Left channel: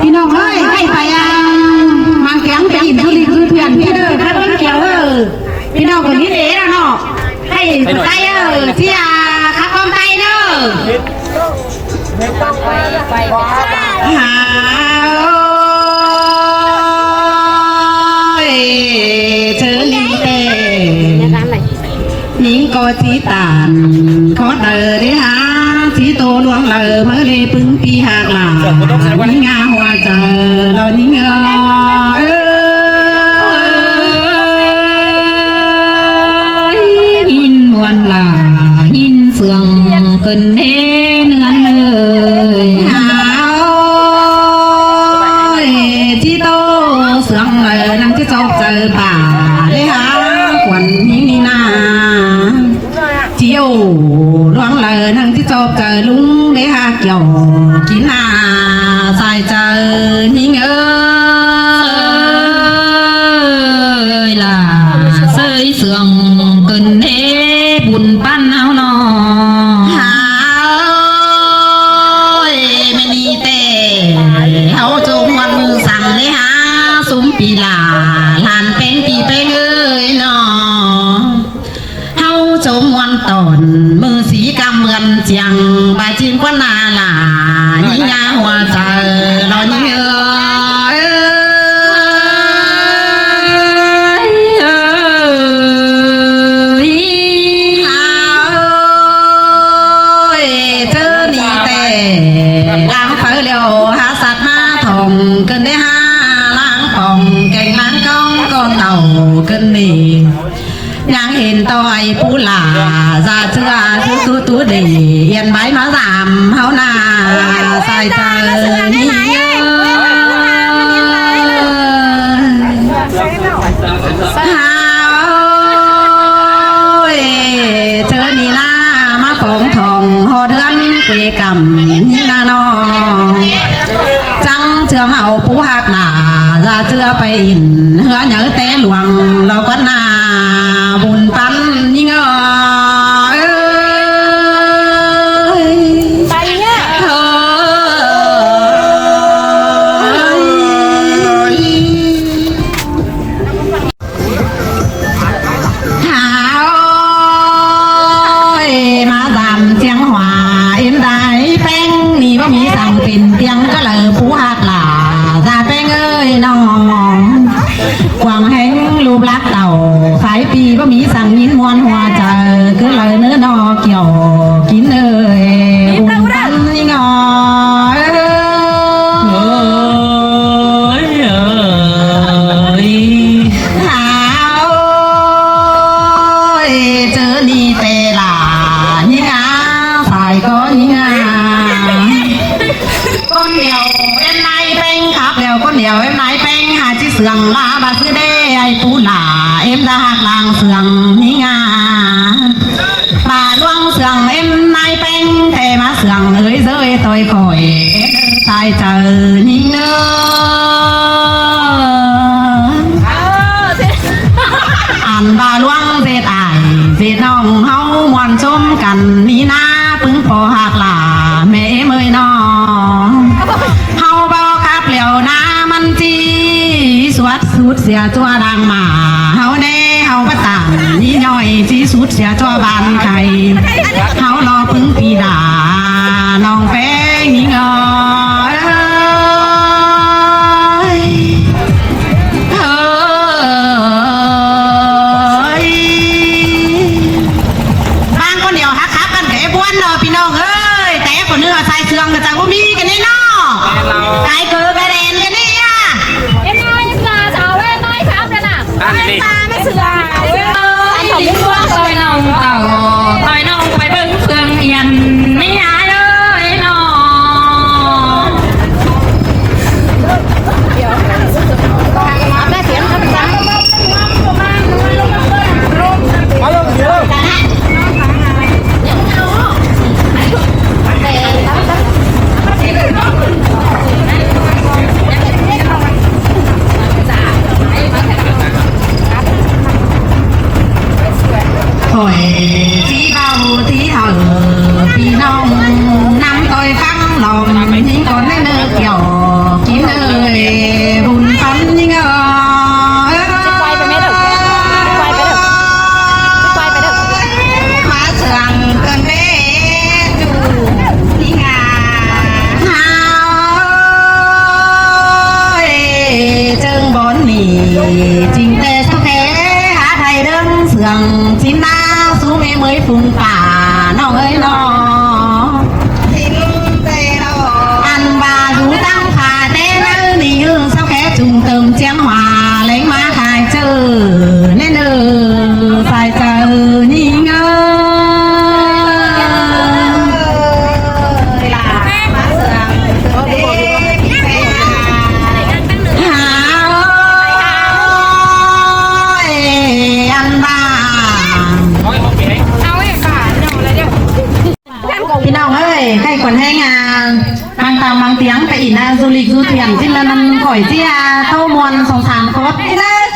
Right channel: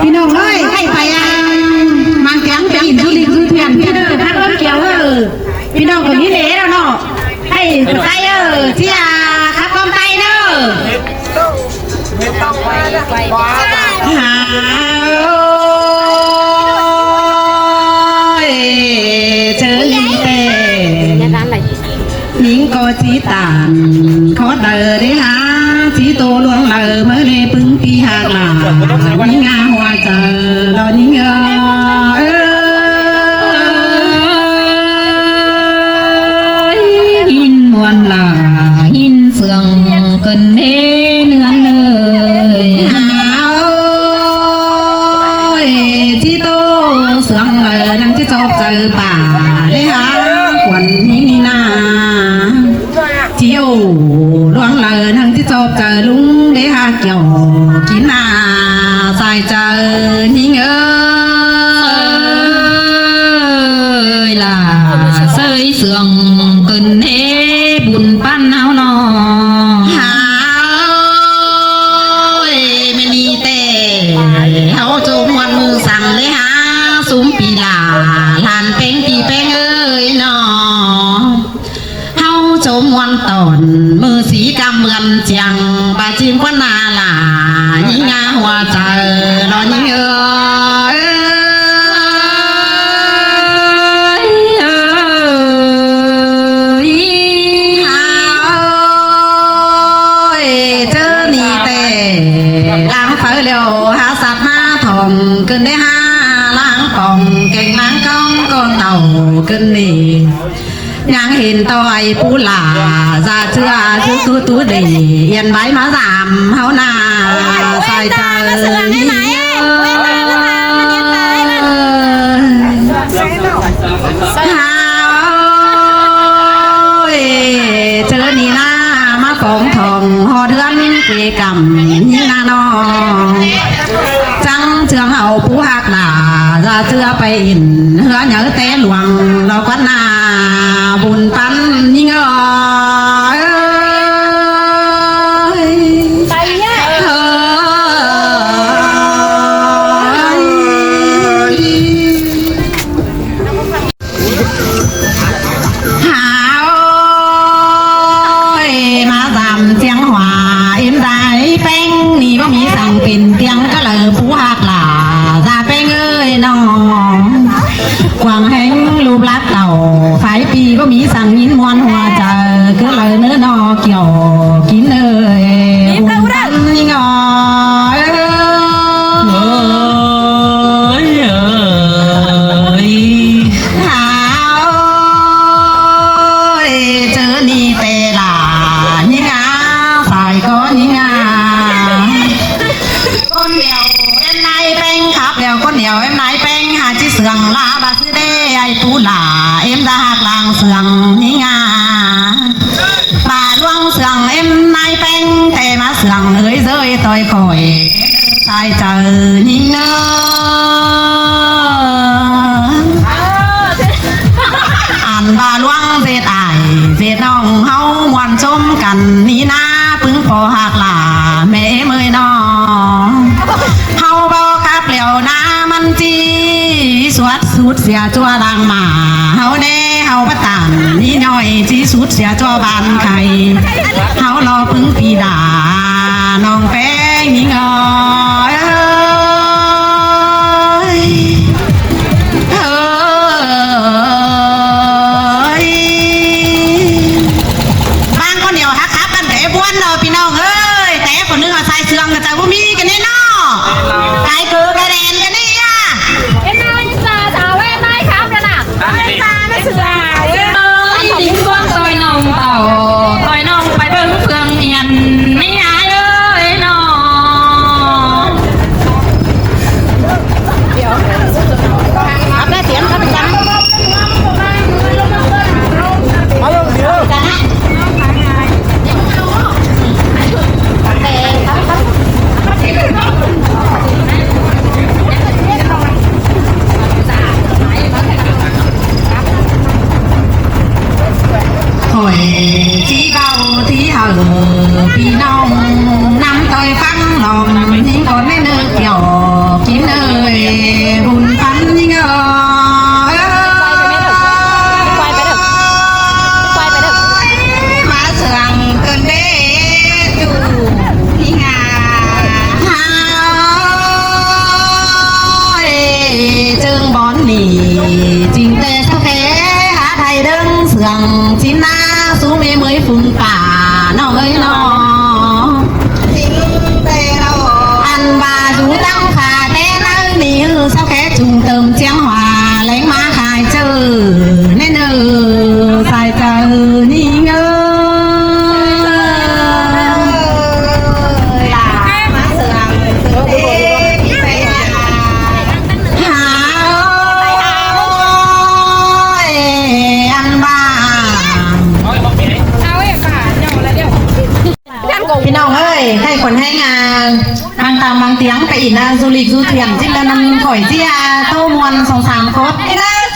พี่น้องเอ้ยให้ไปมันแข็งไปอิ่มทุลีคือเพียนพี่เด้อถ้าเขียวพี่น้องคนนี้เด้แล้วเนาะให้ใจเที่ยขับกองไตเด้อหาเธอลีเต้หญิงก็จีตานขอเดินได้หาจีโตลวงเลอเมื่อเลปึ้งปีหักหลาหญิงอาหัวเจอเราหญิงหินมวนลาหินเฟืองเกินเน้เนื้อเลยหาวจีโตเสืองเลยนั่งที่จอบเจอป่าได้หาขวัญหินนาเจียวร้องเลยนั่งที่จอบเจอลุงได้หาเกี่ยวกินนาใส่เจอหิงล่ะเสยเสืองเกินเน้บุญปั้นเอาหนอหาไม่มีเต้เขาจงวันมือสั่งเลยหาซุ้มปีลาลานเป็นปีเป็นเอ้ยหนอเฮาจงวันตอนมือสีกำเมือนเจียงบาจินกว่านาลายิงาหัวใจนอนยิงเกินได้ห้าล้างป่องเก่งล้างกองก็เต่าเกินนี่ยังเห็นต่อยปูหลาจะเชื่อตัวดีเย็นใบมาสามเฮาหน้าใส่ใจเยอะเจอนี่นะมาปองทองหอเดือนเกกำนี่นาน้องจังเชื่อเฮาผู้หักหนาจะเชื่อไปอินเหือเหนือเตะหลวงเราก็นาบุญปันยิ่งมาดำเสียงหวาเอ็มได้แป้งนี่ว่ามีสั่งเป็นเตียงก็เลยผู้หักหลาจะแป้งเอ้ยน้องความแห้งรูปลักเต่าสายปีว่ามีสั่งมินมวนหัวใจก็เลยเนื้อนอเกี่ยวกินเอ้ยอุ่นกันนี่น้อยเจอนี่เตลานี่งาใส่ก็นี่งาก้นเดียวเอ็นไม้เป็นขับเดียวก้นเดียวเอ็นไม้เป็นหาที่เสืองลาบาซื้อได้ไอ้ปูหลาเอ็นลาหักลางเสืองนี่งาป่าลวงเสืองเอ็นไม้เป็นแต่มาเสืองเลยเซยต่อยคอยใส่เจอนี่งาอ่านบาลวงเสียตายเสียน้องเฮาวันชมกันนี่นะพึ่งพอหักหลาแม่เมยน้องเฮาบอกกับเหลียวน้ามันจีสวดสุดเสียจัวดังมาเฮาได้เฮาประตันนี่หน่อยจีสุดเสียจัวบานไก่เฮานองพึ่งปีดาน้องแป้งนี่เงพี่น้องเอ้ยแต่คนนึงใส่เสื้อกับแต่ว่ามีกันนี่เนาะใส่เกลือกระเด็นกันนี่อ่ะเอ็นน้อยจ้าสาวเอ็นน้อยครับกันอ่ะไม่ใช่ต่อยยิ้มพวงต่อยน้องเต่าต่อยน้องไปเบิ่งเฟืองเอียนนี่หาเลยน้องได้เสียงครับจ้ามาลงเดี๋ยว mang tiếng tại là du lịch du thuyền trên là năm khỏi chia thâu mòn sòng sàn cốt thế đấy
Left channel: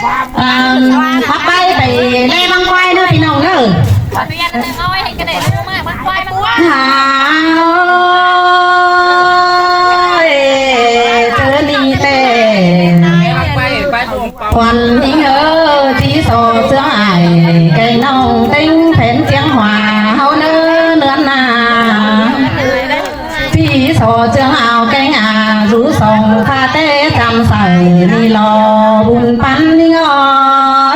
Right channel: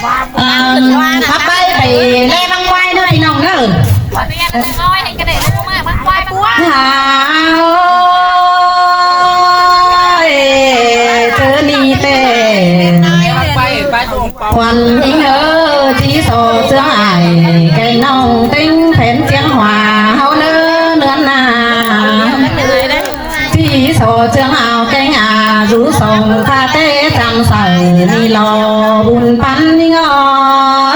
bắt tay phải lê băng quay nữa thì nồng nữa còn những nhớ tí sổ giữa hải cây nông tinh phén tiếng hòa hậu nữ nương nà tí sổ trường ảo cây nhà rú sòng pha tê tam sải đi lò bùn bắn đi ngò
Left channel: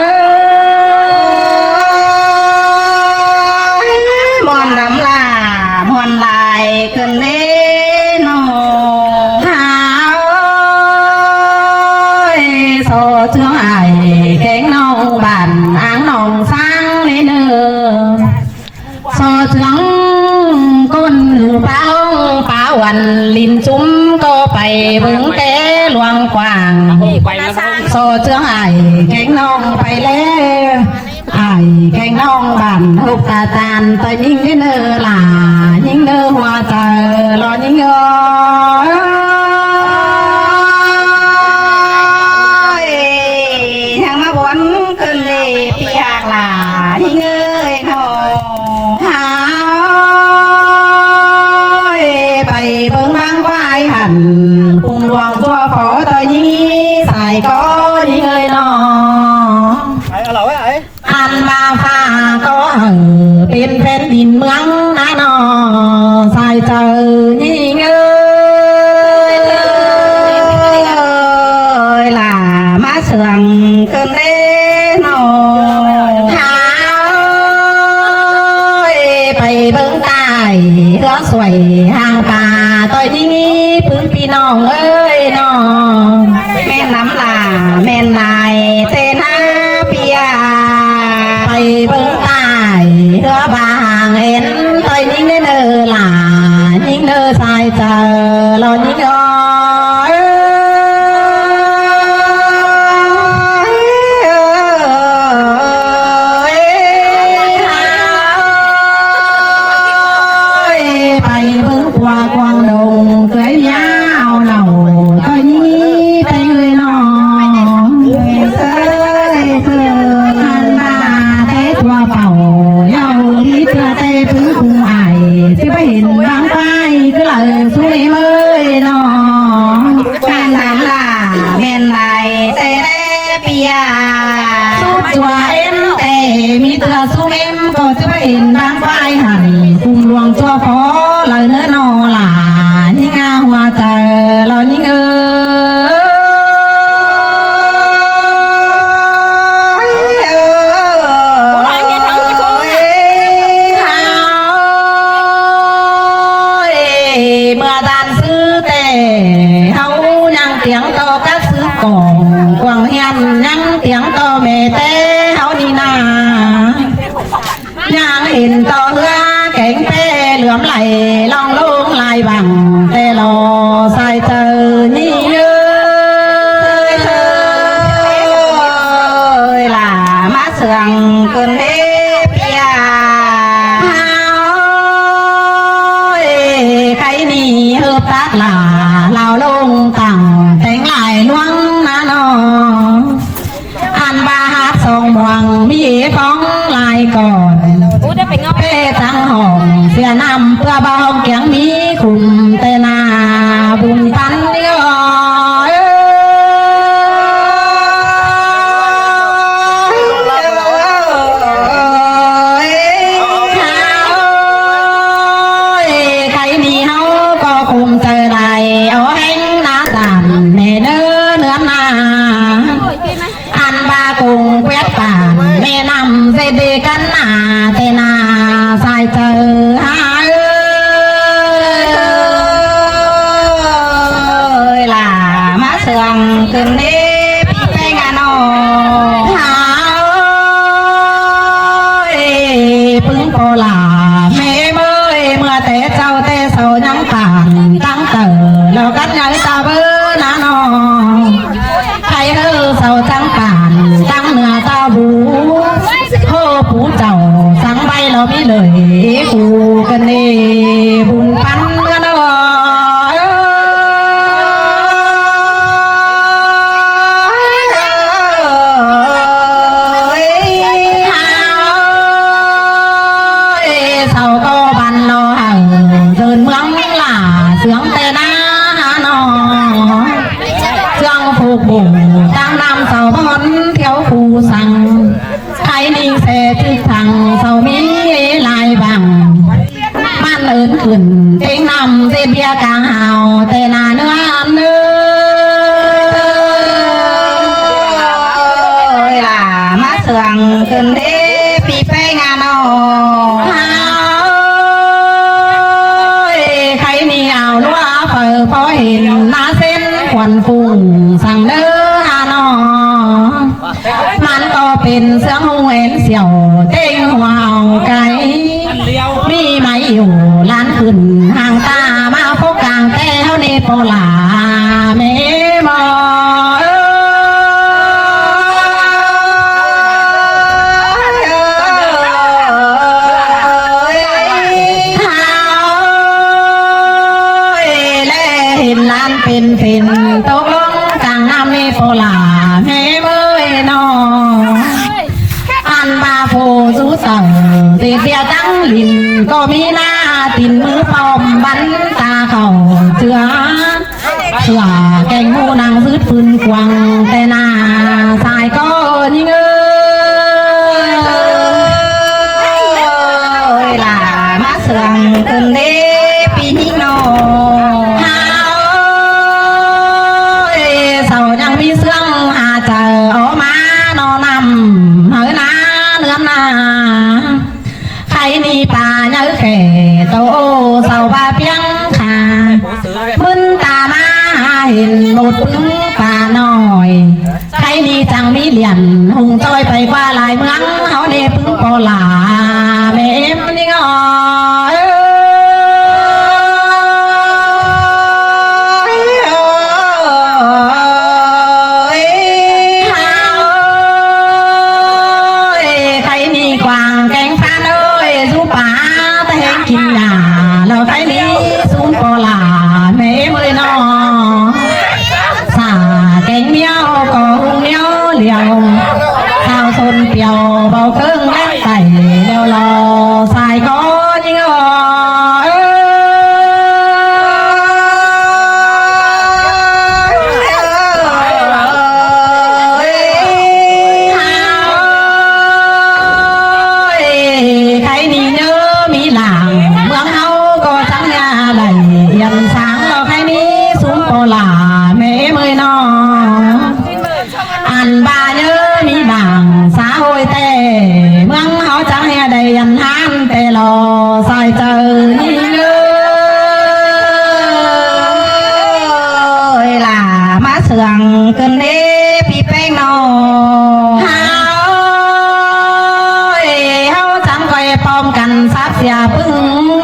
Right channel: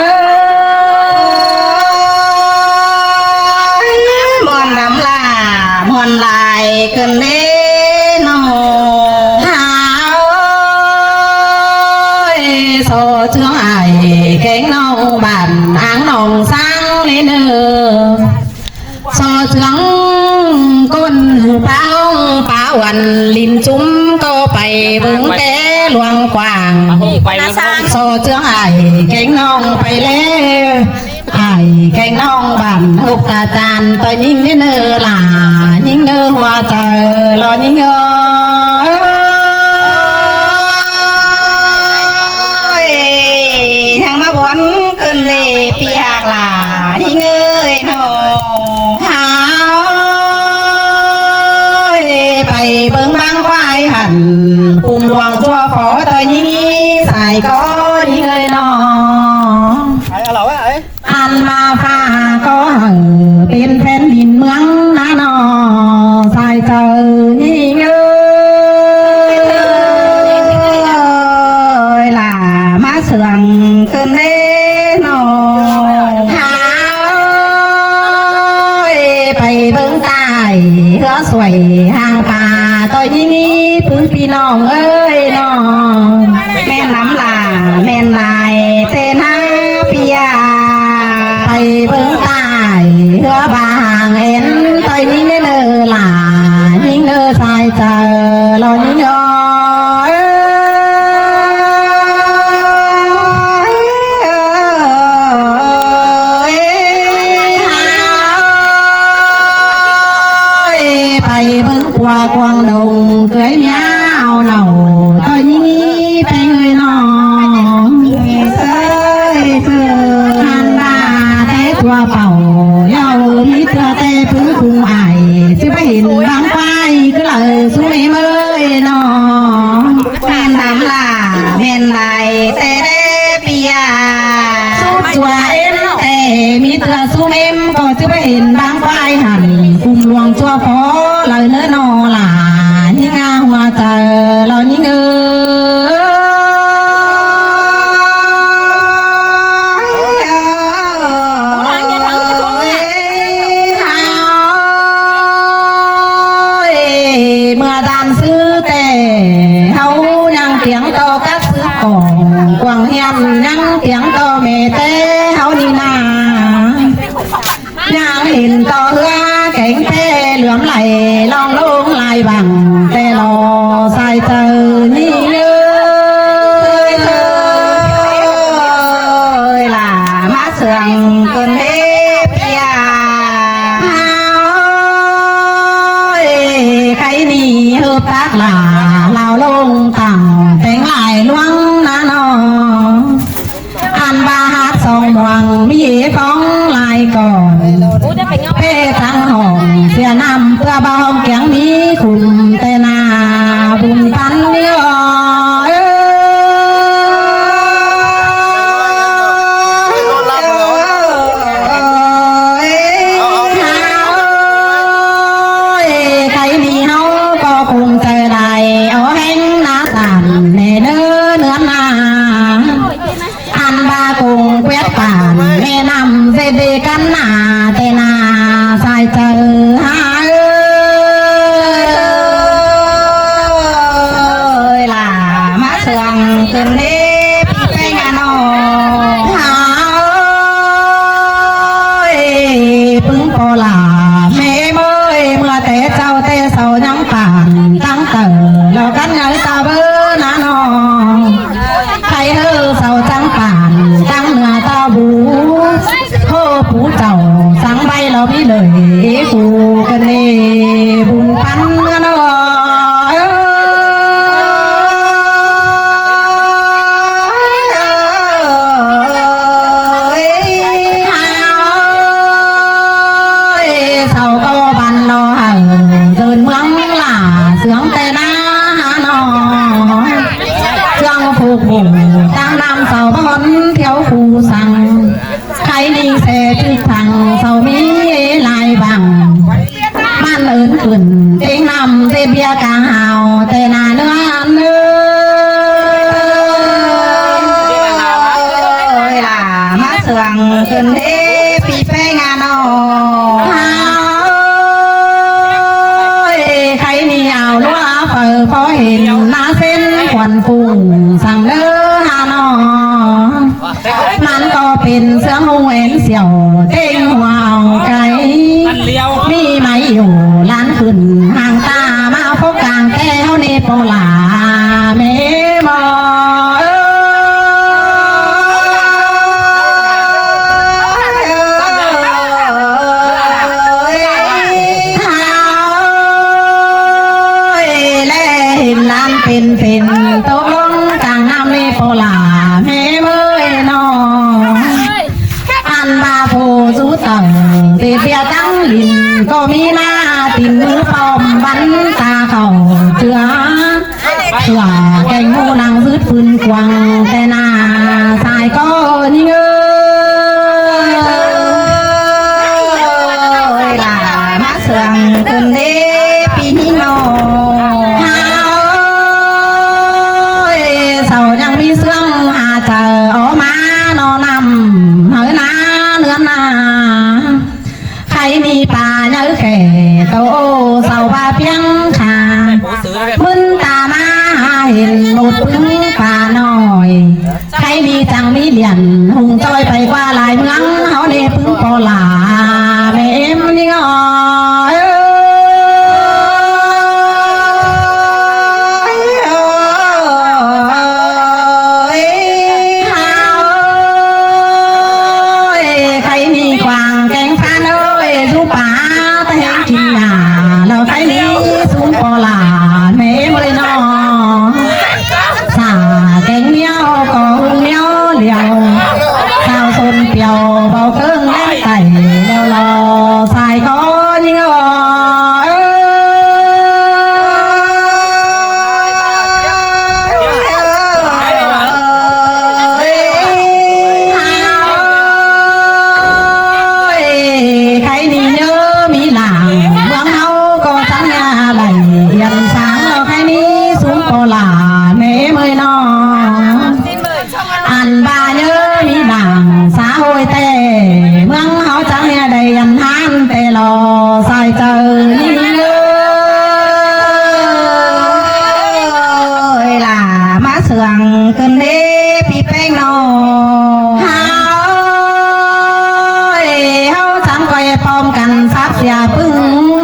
mòn lắm là mòn lại cần đến sổ trường ải cánh nông bản áng nồng sang lên sổ trường con báo hoàn linh chúng có bày bứng té luồng quảng sổ trường ải cánh nông bày lê ải cánh nông bản hộp tà tàn ta nhìn đến là những nơi hoa trời là những cùng hoàng cho phó tới những xài có những người nó ăn ma pha có tiền phen nhìn mướn ná nó xài chờ những ơi là má sườn cơn thế nó háo bày bưng tài đó xoay hàng bà tôi đi phương phi nong ơi nó men lắm là men lại tên ha pia thầy bưng tài hứa bà hàng hến tôi những cái nơi là những nơi sai chờ lo những thầy bưng qua quang đồng cưới nhau nầu tôi như tay người nó sơi thường han ba thế qua phòng nhau đi qua tê cứ cùng ai chứ phải hình bám quay cứ là xuống đi mới nó han đám là men lại tê tê pia sút chùa em tê mi thừa xuống em còn chứ phải hình bám quay hẳn cùng luồng cho phó lời nữa nó là những hoa trời lo những mưa đàn sư tề hấu năng tiếng to các sư còn quảng hiền năng tiếng to mẹ tê hấu đi na năng hình to ra cánh tê luống lại long lông lại bằng tê lò sai tờ như ơi là má sườn cơn đế pia cái ni hợp tác là lao lông tặng tay ngài loang na nó ăn ba hát song hoàng mi phóng lại còn bê tăng hòn xe năm tua bao hông kén mi cùng tê na vùng bắn cái đi hấu có cùng tê này ở anh na tàn nè nơ nữa na ăn ba cùng quét tàn nè nằm dây bê cắn na tê na sai chờ hai ơi là má sườn cơn đế tay ngà nô bưng cô là mẹ mới mưa té sâu nhắn tàn tăng tờ lâu cắn nhớ ta bơ na nô hay hơi sâu trắng tàn trắng mưa ta bú hô phú trầu sáng bay lo bí lời phù cần nề bùn bắn nó เห็นหน้าเส้นควันฟุ้งสั่งเดินหานอมันก็เป็นเสือหงเอ็นเสี่ยวเต้งหัวเอาไกลมีไหมอยู่ล้านขึ้นห่างตามาพบกลางแก้วในโปลาเมมอเป็นตกลงกลางน้ำในโปลาแม่เมื่อยนออันบาโพสูเต่าเตียวตั้งลินก็มีหน้าตินมือปอมบันตาเขาเจือว่าแกงหูนางซื้อปืนกวางแต่หน้าสายก็ยิ่งล่ะมาเสื่องเกินเด้ปีนี้นอมีเสื่องหาเจอออกมานอนำเหือนาเนื้อนาใครมีป่าเนื้อแก่โตเสาป่าเพียงขามึนตามาเห็นหมดพึ่งป่าน้อยใครมีจังมีเหรียญหุงจอยไปว่าลายเมืองเขาเนพึ่งปอลาแม่เอ็มนี่ก็กินหนาแล้วใครนี้สูงโปลาแม่เลยน้องสาแกงเมียวก็รุ่งเมียวเหลียวข้าวซนเปียวเบาเพิ่งแรงไต่แล้วรอใส่ก้อนยิ่งใครนี่เนื้อมีหลายันสางเราใครนี้สูงโปลาแม่เมยนออันบาเนื้อมีบางสาโอยแต่เมืองเขาจะให้ได้ยันห้ามแต่รอใส่เจอนี่เลยล่ะมาเสื่องเกินเด้พี่แป้งนอเฮาจังไว้พร้อมกันซับเสียพึ่ง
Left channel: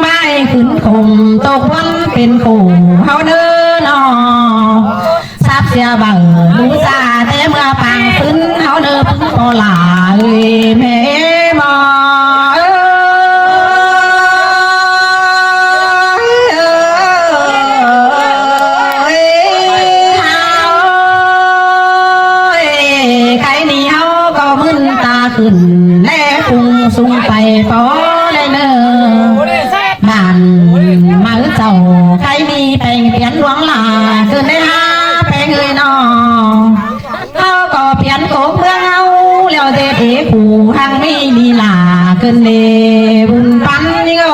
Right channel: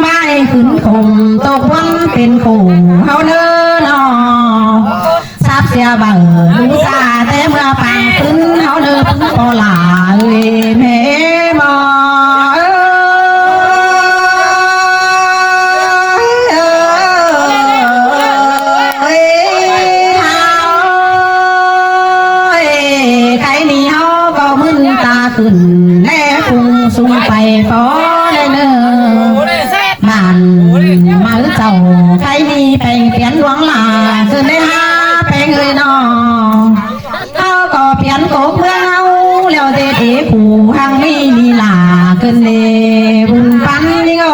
ไม่ขึ้นคงตกวันเป็นกูเฮาเดินอซับเสียเบาดูซาแต่เมื่อปังขึ้นเฮาเดินถึงโปลาแม่มอใครนี่เฮาก็มึนตาขึ้นแน่ฟุ้งสูงไปพอได้เนอบ้านมาเจ้าใครมีแปลงเปลี่ยนหลวงลาคือไม่หาแปลงเลยน้องเขาก็เปลี่ยนโกเพื่อเอาแล้วเด็ดเอกผู้ทางไม่มีลาเกินเลบุญปันนี่ก็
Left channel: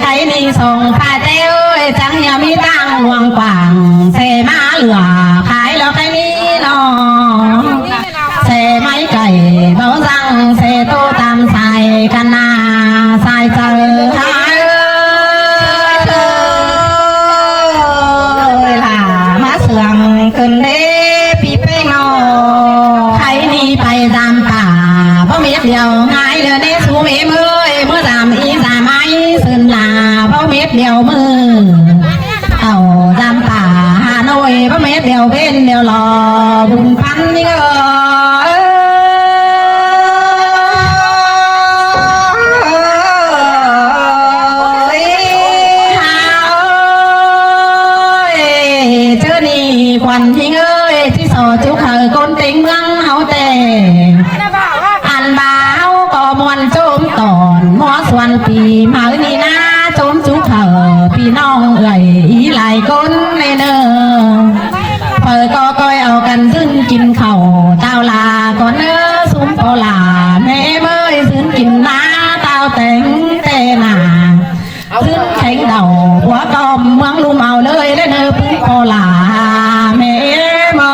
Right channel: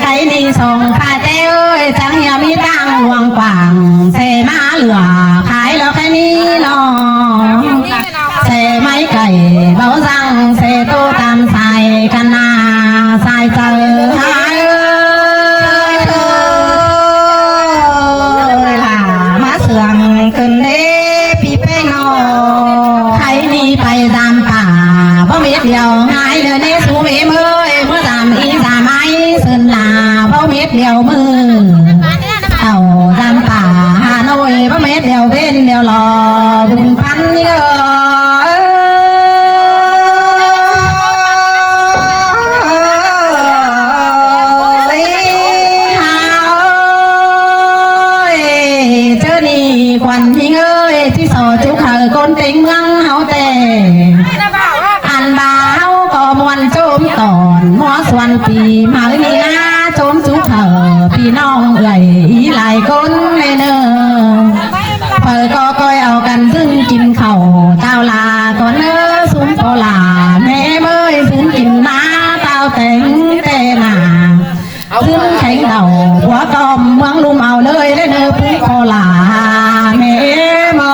ใครมีส่งผ้าเต้ยจังเหียมีตังหวงปังเสมาเหลือขายเราแค่นี้น้องเสไม่ไก่เบาจังเสโตตามใส่กันนาใส่เจอมาเสื่อมเกินเด้พี่ไปเงาใครนี่ไปตามป่าเพราะเม็ดเดียวหายเลยในสูงเอ็มเอ้ยเพราะตามอีสาไม้เส้นหนาเพราะเม็ดเดียวมือเอาตามป่าหาหน่วยเพราะเม็ดเดียวเว้นเดียวรอบุญพันนี่ก็เธอนี่ควันยิงเอ้ยที่สอจุกไข่ก้นติงเมืองเฮาแต่อันบ่าวก็มวนโจมตอนหัวส่วนปีมานี่นะโจมจุกเธอพี่น้องเอ่ยอีหลายคนในเนอเปิดก็ก้อยเอากันซึ่งกินข้าวเต้าลาก่อนเนอซุ้มโปลาแม่เมื่อยซึ่งกินน้ำเต้าแต่งแต่หนาซึ่งแข็งเต่าหัวกอมเมืองลุมเอาเลยได้เนอพึ่งโปลาแม่มอ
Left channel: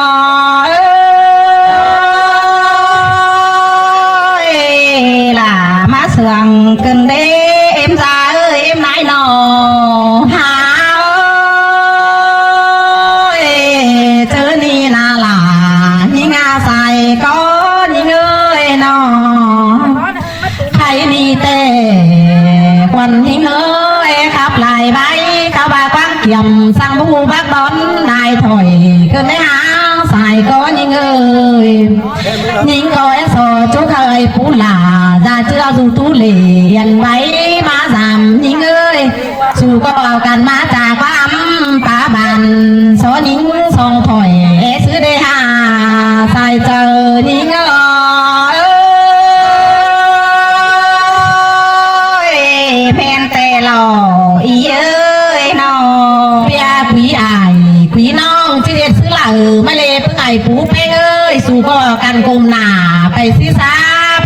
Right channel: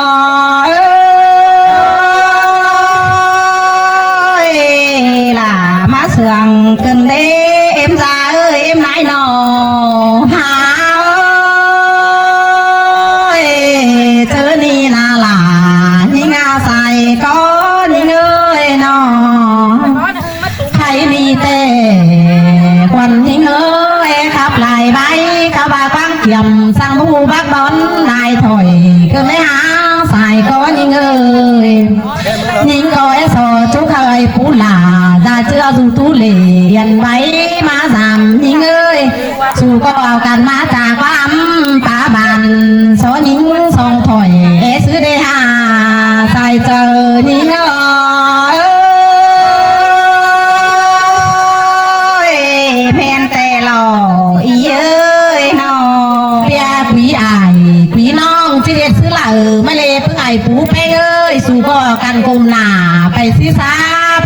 กันกุมหนาไปสิซา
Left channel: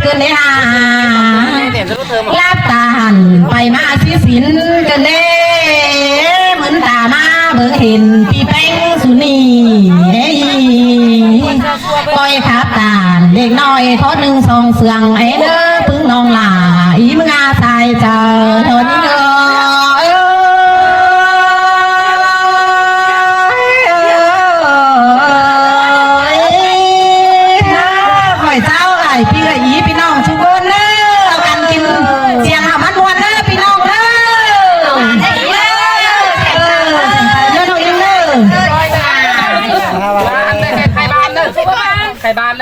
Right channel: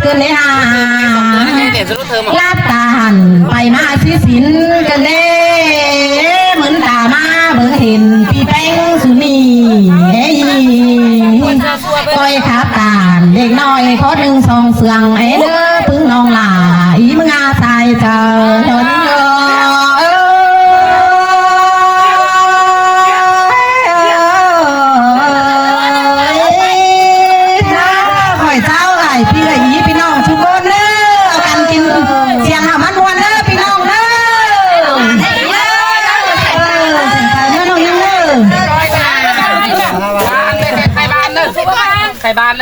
เพื่อนเนหาลาบตาหันไปมาสิสินกันเด้เหมือนตามาเบิ่งเห็นพี่แป้งสุนีก้อยขาตาเด็กน้อยทอดหนึ่งสองเสืองเอ้เด้อพึ่งน้องหลาอีมงาตายเจอคนเด้อพี่เลยยีพี่น้องทุกคนเด้อกันกินเสียงหอมมันวนเด้อพี่น้องเด้อไข่บานเด้อ